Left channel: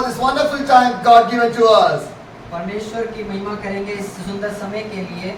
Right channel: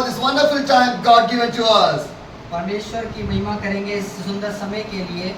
for this wonderful time God given to us. परमेश्वर की महिमा करेंगे इस सुंदर समय के लिए।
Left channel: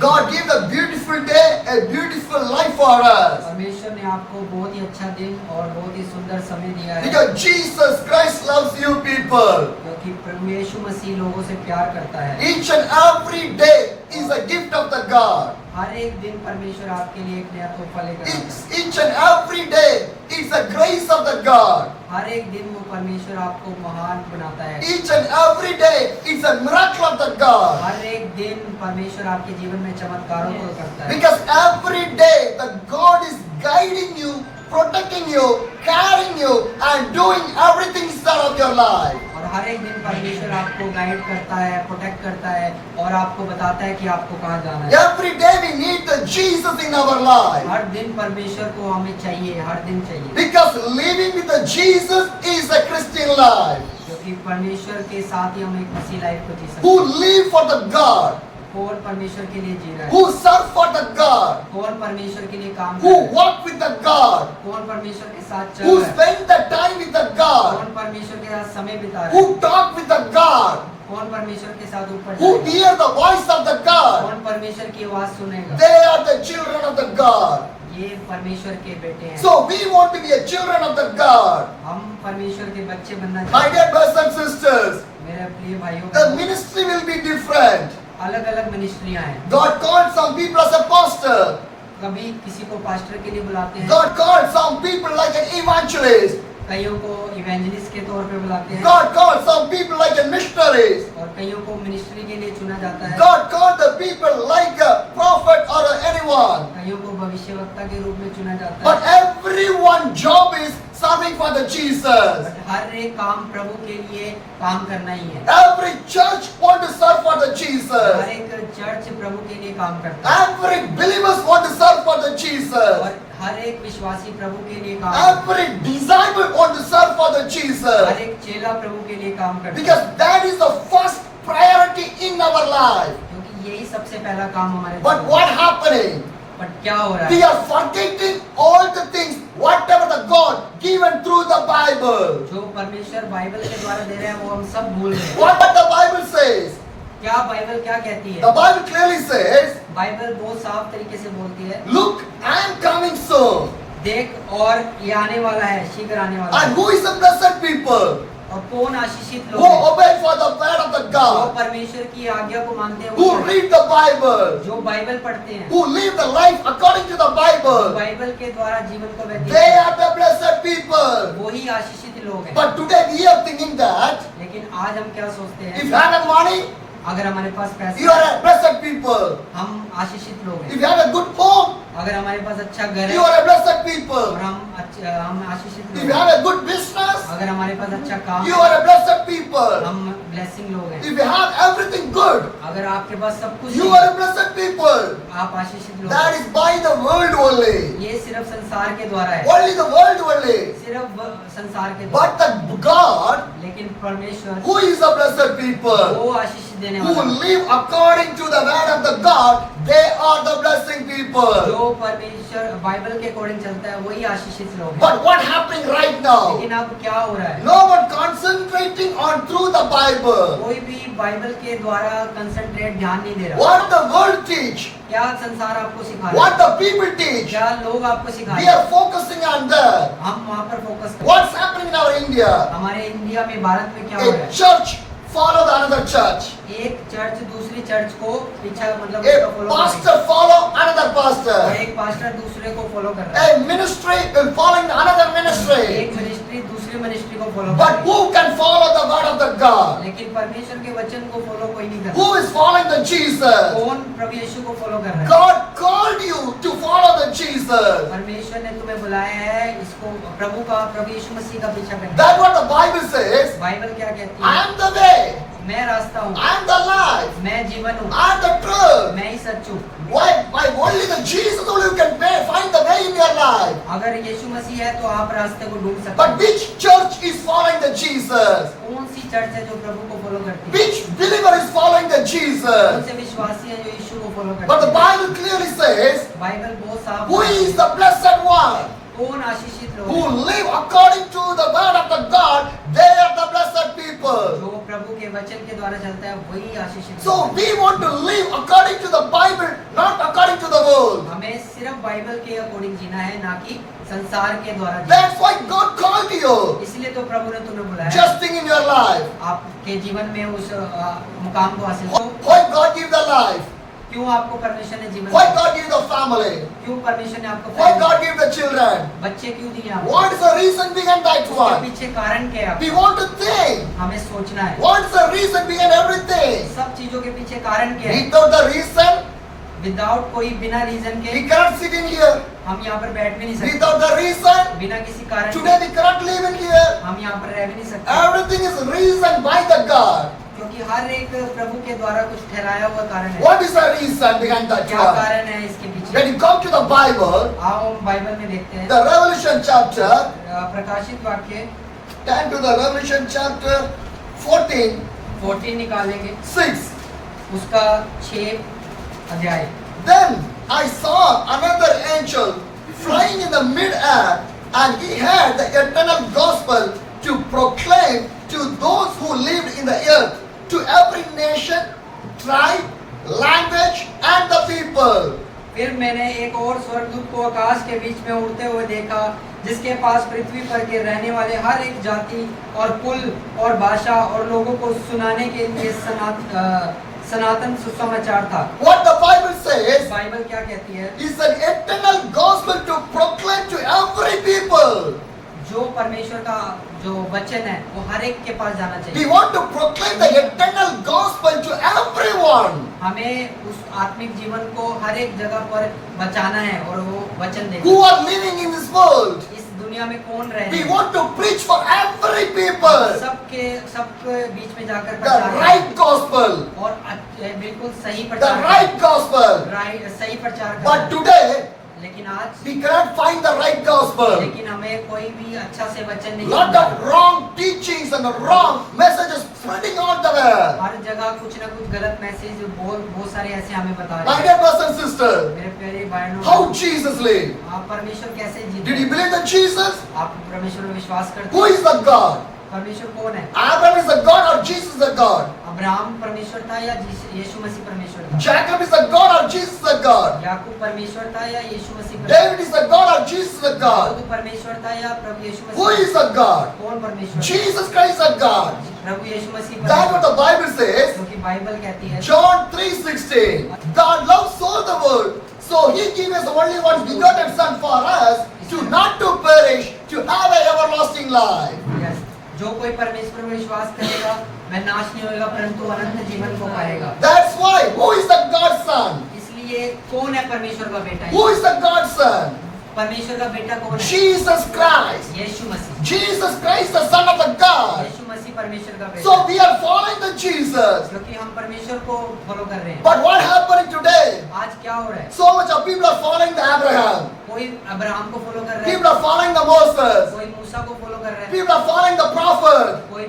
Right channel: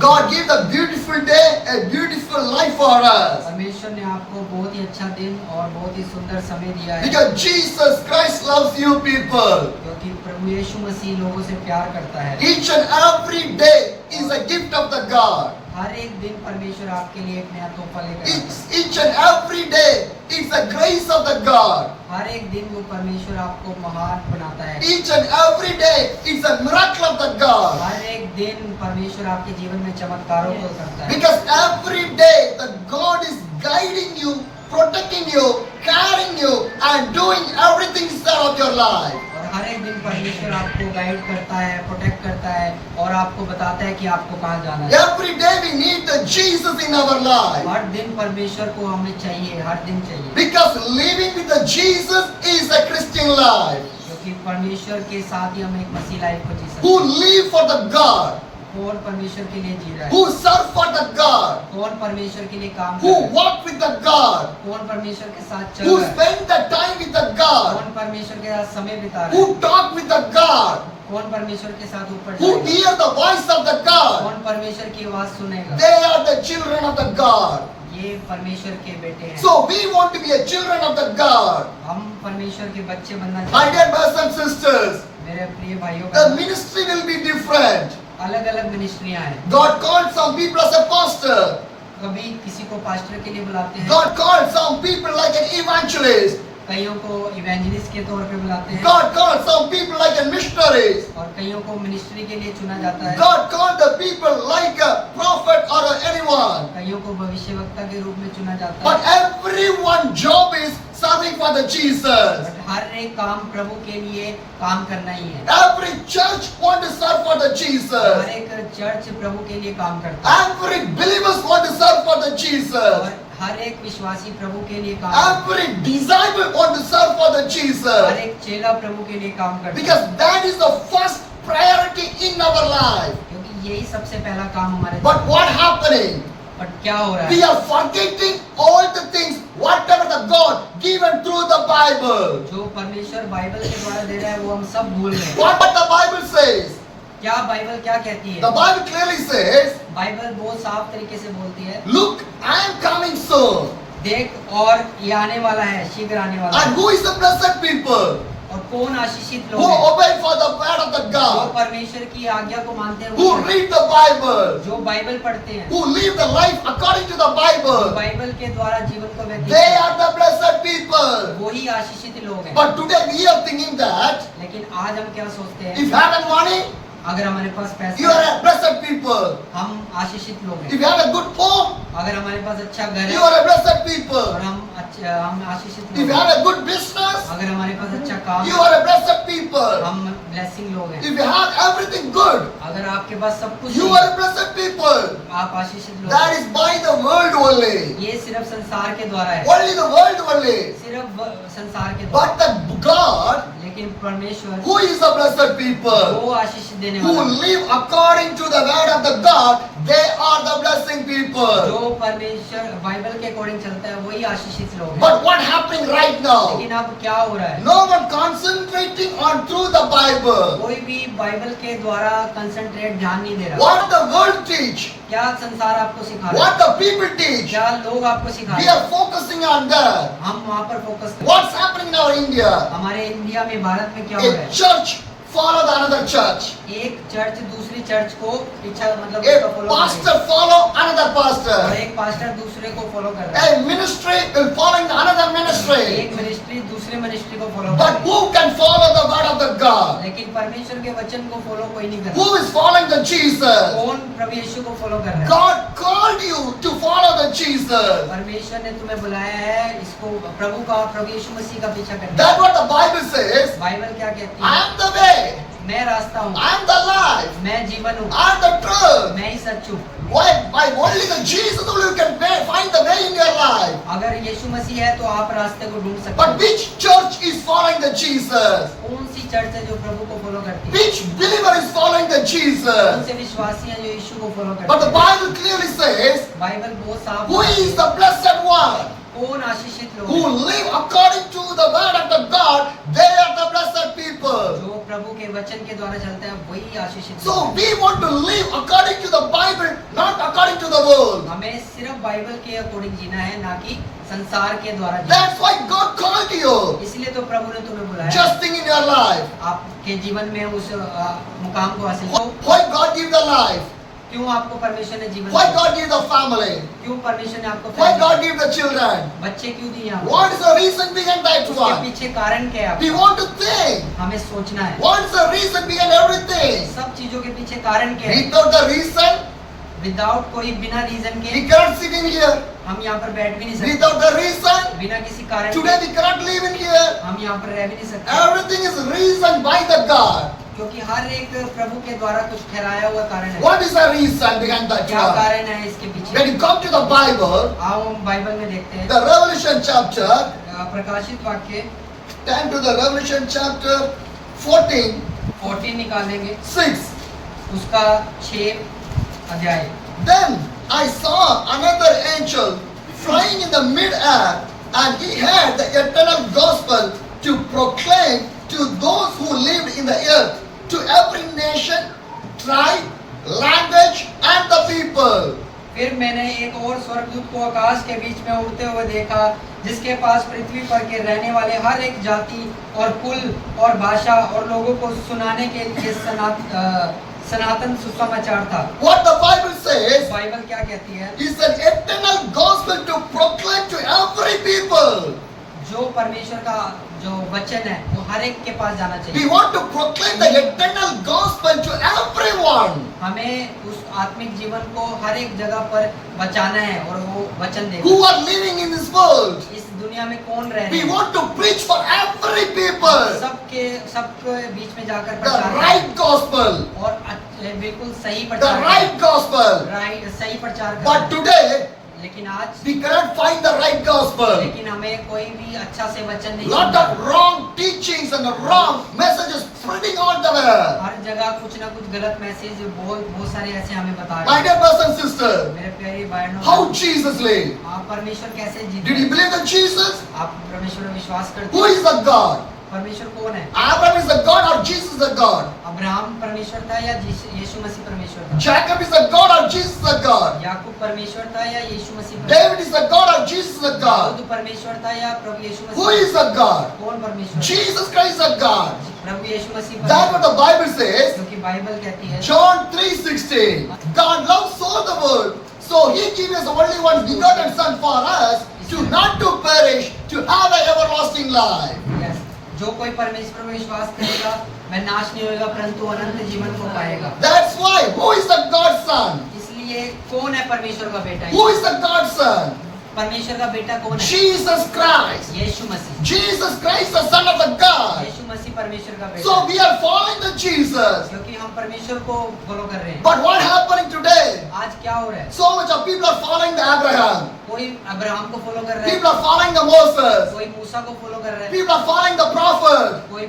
God gave a beautiful day, a beautiful life for us. परमेश्वर ने आपको बहुत ही अच्छा दिन और बहुत ही सुंदर समय दिया है, Because Jesus Christ loves you people. क्योंकि प्रभु यीशु मसीह लोगों से प्यार करता है। Each and every day is a gift of the God. हर एक दिन परमेश्वर आपके लिए एक नया तोहफा लेकर आता है। Each and every day is a grace of the God. हर एक दिन वो परमेश्वर आपको महान बनाता है। Each and every day is a miracle of the God. हर एक दिन परमेश्वर आपके जीवन में चमत्कारों को करता है, Because every day the God is guiding you, protecting you, carrying you and doing everything inside of your life. और हर एक दिन परमेश्वर आपको गाइड करता है, प्रोटेक्ट करता है और आपको बताता है कि आपको कहाँ जाना है। Every day we need the Jesus in our life. हर दिन परमेश्वर को हमें चाहिए, हर दिन चाहिए, Because living with the Jesus is a Christian life. क्योंकि परमेश्वर के साथ ही हम एक मसीह लाइफ को जी सकते Who हैं। live for the God, कौन परमेश्वर के लिए जी रहा है, who serve for the God, कौन परमेश्वर के लिए काम कर who रहा है, walk with the God, कौन परमेश्वर के साथ चल who रहा है, spend the time with the God, कौन परमेश्वर के साथ समय बिता रहा है, who talk with the God, कौन परमेश्वर के साथ ऊपर who जाएगा, hear the voice of the God. कौन परमेश्वर की आवाज सुनेगा। They are the children of the God. ये परमेश्वर के बेटे हैं। So we want to be a children of the God. हम परमेश्वर के बच्चे बनना My चाहते dear brothers and sisters, हैं। मेरे प्रिय भाइयों, the ministry will be different. अलग अलग मिनिस्ट्रियां हैं। God called some people as a pastor. कभी किसी को पास्टर के लिए बुलाते हैं, God called some people like an evangelist. कईयों को इवेंजलिस्ट के तौर पे बुलाते हैं, God called some people like a missionaries. और कईयों को मिनिस्ट्री के लिए चुना जाता है, God called the people like a prophet or anyone. कईयों को भविष्यवक्ता के रूप में चुना जाता But है। everyone's job is serving for the Jesus. But हर एक काम प्रभु के लिए काम करना ही है। Every church want to serve for the her Jesus. एक चर्च प्रभु के लिए काम करता है, Every believers want to serve for the Jesus. और हर एक विश्वासी प्रभु के लिए काम करता Every disciple want to serve for the है, हर Jesus. एक चेला प्रभु के लिए काम करता है, Because that is the first priority in our life. क्योंकि यही सबसे पहला काम हमारे But what happening? बट क्या हो रहा We है, are forgetting all the things, whatever the God given through the Bible. जो परमेश्वर बाइबल के द्वारा दे रहा है वो हम सब भूल रहे हैं। What the Bible says? क्या बाइबल क्या कहती The है? Bible clearly says, बाइबल बहुत साफ तरीके से बोलती है, look, I am coming soon. देख और ये आने वाला है, शीघ्र आने वाला And है। who is the blessed people? और कौन आशीषित Who लोग हैं? obey for the word of the जो God. परमेश्वर की आज्ञा को मानते हैं, Who वो read the Bible. जो बाइबल पढ़ते हैं, Who live the life according to the जो Bible. बाइबल के द्वारा जीवन को व्यतीत They करते are the blessed people. हैं, वही आशीषित लोग हैं। But today we are thinking that लेकिन आज हम क्या सोचते if you हैं, have money, अगर हमारे पास you पैसा are है, a blessed people. हम आशीषित लोग If हैं। you have a good home, अगर हमारे पास अच्छा घर you है are a blessed और people. हम आशीषित If लोग you हैं। have a good business, अगर हमारे पास अच्छा काम you है, are a blessed people. हम ब्लेसिंग लोग हैं। If you have everything good, अगर आपके पास सब कुछ you है, are a blessed people. आप आशीषित लोग That हैं। is by the world only. ये सिर्फ संसार के द्वारा है, Only the world only. सिर्फ संसार के द्वारा। But the God, लेकिन परमेश्वर who is the blessed people, वो आशीष देने who वाला है, live according to the word of the God, they are the blessing people. जो परमेश्वर बाइबल के अकॉर्डिंग चलता है वही आशीषित लोग हैं। But what happening right now? लेकिन अब क्या हो रहा है, No one concentrating on through the Bible. कोई भी बाइबल के द्वारा कंसंट्रेट ध्यान नहीं दे रहा। What the world teach, क्या संसार आपको सिखा रहा what है, the people teach, क्या लोग आपको सिखा we रहे हैं, are focusing on that. हम वहाँ पर फोकस करें। What's happening in our India? हमारे इंडिया में, भारत में क्या हो रहा A है, church follow the another church. एक चर्च दूसरी चर्च को इच्छा मतलब A उसका follow कर रही pastor follow another है, और pastor. एक पास्टर दूसरे को फॉलो कर रहा है, A ministry will following the another एक ministry. मिनिस्ट्री दूसरे मिनिस्ट्री को फॉलो कर But रही है। who can follow the word of the God? लेकिन परमेश्वर के वचन को फॉलो कोई नहीं कर Who रहा। is following the Jesus? कौन प्रभु यीशु को फॉलो कर रहा है? God called you to follow the Jesus. परमेश्वर ने तुम्हें बुलाया है इसको प्रभु यीशु मसीह का पीछा करने। That's what the Bible says. Bible क्या कहती I है, am the way. मैं रास्ता हूँ, I am the life. मैं जीवन हूँ, I am the truth. मैं ही सच हूँ। Why? By only the Jesus only you can find the way in your life. अगर यीशु मसीह है तो आप रास्ते को ढूंढ सकते But हैं। which church is following the Jesus? कौन सी चर्च है जो प्रभु को फॉलो करती है? Which believer is following the कौन Jesus? से विश्वासी है जो यीशु को फॉलो But the करते हैं? Bible clearly says, बाइबल बहुत साफ who है। is the blessed one कौन आशीषित लोग who हैं? live according to the word of the God? They are the blessed के वचन के द्वारा चलता है वही आशीषित So होता है। we want to live according to the Bible, not according to the world. हमें सिर्फ बाइबल के अकॉर्डिंग जीना है, ना कि संसार के द्वारा जीना। That's why God called you. इसलिए तो प्रभु ने तुम्हें बुलाया। Just think in your life. आपके जीवन में उस मुकाम को हासिल करो। Why God give the life? क्यों आपको परमेश्वर ने जीवन Why दिया? God give the family? क्यों परमेश्वर ने आपको Why family God दिया? give the children? बच्चे क्यों दिए आपको? What is the reason behind that उसके one? पीछे कारण क्या है? We want to think. हमें सोचना है। What is the reason behind everything? सब चीजों के पीछे कारण क्या है? Without the reason, विदाउट कोई बिना रीजन के we cannot sit in here. हम यहाँ पर बैठ भी नहीं सकते। Without the reason, बिना किसी कारण today के we cannot live in here. हम यहाँ पर रह भी नहीं सकते। Everything is reasoned by the God. क्योंकि हर एक प्रभु के द्वारा कुछ ठहराया हुआ कारण है। What is the reason behind that क्या one? कारण है इसके पीछे? When you come to the Bible, आओ हम बाइबल में देखते हैं। the Revelation chapter, प्रकाशित वाक्य turn to the Revelation chapter 14, 14 निकालेंगे, 6. उसका 6 अध्याय। Then I saw another angel flying in the mid-air, and he had the eternal gospel to proclaim to those who lived in the earth, to every nation, tribe, language, and the people. फिर मैंने एक और स्वर्गदूत को आकाश के बीच में उड़ते हुए देखा, जिसके पास पृथ्वी पर के रहने वाले हर एक जाति और कुल और भाषा और लोगों को सुनाने के लिए सनातन सुसमाचार था। What the Bible says Bible क्या कहती है? is an eternal gospel to proclaim to every people. जो परमेश्वर का जो वचन है वो हर एक के पास जाना We चाहिए। want to proclaim the eternal gospel to everyone हमें उस आत्मिक जीवन को हर एक जगह पर बचाना है और वो वचन who देना। are living in this world. इस दुनिया में कौन रह रहे We हैं? want to preach for every people सबके बीच में जाकर the प्रचार right gospel, और बिल्कुल सही the प्रचार right gospel. राइट सही प्रचार But करें। today लेकिन आज we cannot find the right gospel. लेकिन हमें कोई भी अच्छा से वचन नहीं Lot मिलता। of wrong teachings and the wrong messages spreading all the way. हर जगह कुछ ना कुछ गलत मैसेज बहुत सारे ऐसे हमें बता My रहे dear हैं। brothers and sisters, मेरे प्यारे भाइयों, how Jesus lived. आप परमेश्वर कैसे जीते? Did you believe in Jesus? आप परमेश्वर में विश्वास करते Who हैं? is the God? परमेश्वर कौन है? Abraham is the God or Jesus is the God? Abraham परमेश्वर था या यीशु मसीह परमेश्वर था? Jacob is the God or Jesus is the God? याकूब परमेश्वर था या यीशु मसीह David is the God or Jesus is the God? Dawood परमेश्वर था या प्रभु यीशु Who Masih? is the God? कौन परमेश्वर? Jesus Christ is the God. प्रभु यीशु मसीह That's what परमेश्वर। the Bible says. क्योंकि बाइबल कहती है John 3:16. God loves so the world, so He gave His only one begotten Son for us, to not to perish, to have an everlasting life. Yes, जो कोई परमेश्वर में विश्वास करेगा वह नाश नहीं होगा परंतु अनंत जीवन को पाएगा। That's why. Who is the God's Son? इसलिए कौन है परमेश्वर का बेटा? Who is the God's Son? परमेश्वर का बेटा कौन है? Jesus Christ. Yeshu Masih. Jesus Christ, the Son of the God. यीशु मसीह परमेश्वर का बेटा So है। we are following the Jesus. क्योंकि हम परमेश्वर को फॉलो कर रहे हैं। But what happening today? आज क्या हो रहा है? So much of people are following the Abraham. कोई अब्राहम को फॉलो कर रहा है, People are following the Moses. कोई मूसा को फॉलो कर रहा है, People are following the prophet. कोई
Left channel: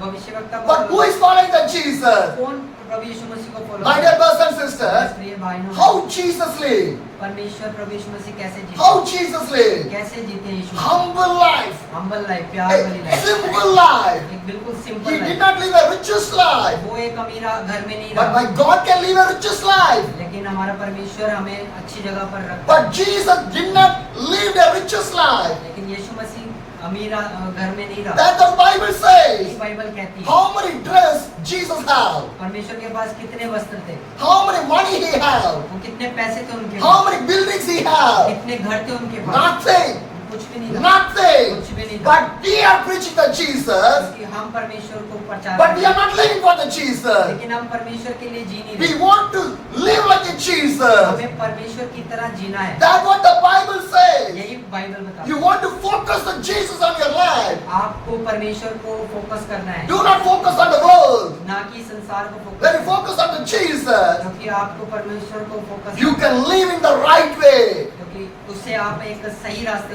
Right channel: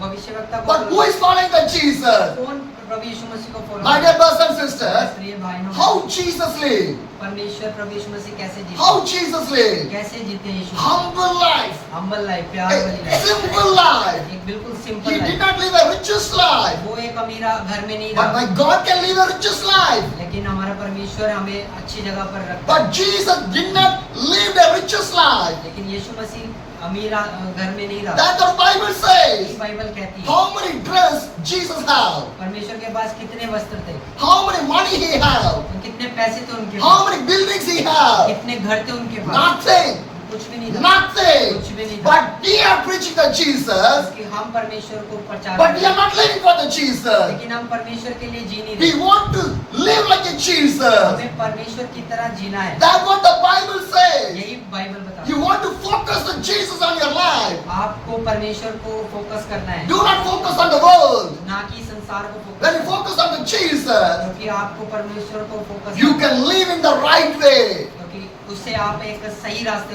भविष्यवक्ता को But follow who कर is following the Jesus? रहा है। कौन प्रभु यीशु मसीह को फॉलो My कर dear रहा है? brothers and sisters, प्रिय भाइयों, how Jesus lived? परमेश्वर प्रभु यीशु मसीह कैसे जीते? How Jesus lived? कैसे जीते हैं यीशु? Humble life. हम्बल लाइफ, प्यार वाली A लाइफ, simple life. एक बिल्कुल He simple did life. not live a richest life. वो एक अमीरा घर में नहीं But रहा, my God can live a richest life. लेकिन हमारा परमेश्वर हमें अच्छी जगह पर रखता है। But Jesus did not live a richest life. लेकिन यीशु मसीह अमीरा घर में नहीं रहा। That the Bible यही says. बाइबल कहती है। How many dress Jesus had? परमेश्वर के पास कितने वस्त्र थे? How many money he had? वो कितने पैसे थे उनके How pass? many buildings he had? कितने घर थे उनके पास? Nothing. कुछ भी नहीं था। Nothing. कुछ भी नहीं था। But we are preaching the Jesus. क्योंकि हम परमेश्वर को प्रचार But we करते are not living for the हैं। Jesus. लेकिन हम परमेश्वर के लिए जी नहीं We रहे। want to live like a Jesus. हमें परमेश्वर की तरह जीना है। That's what the Bible says. यही बाइबल बताता You है। want to focus on Jesus on your life. आपको परमेश्वर को फोकस करना है, Do not focus on the world. ना कि संसार को When you focus. focus on the Jesus, क्योंकि आपको परमेश्वर को focus, you can live in the right way. क्योंकि उससे आप एक सही रास्ते को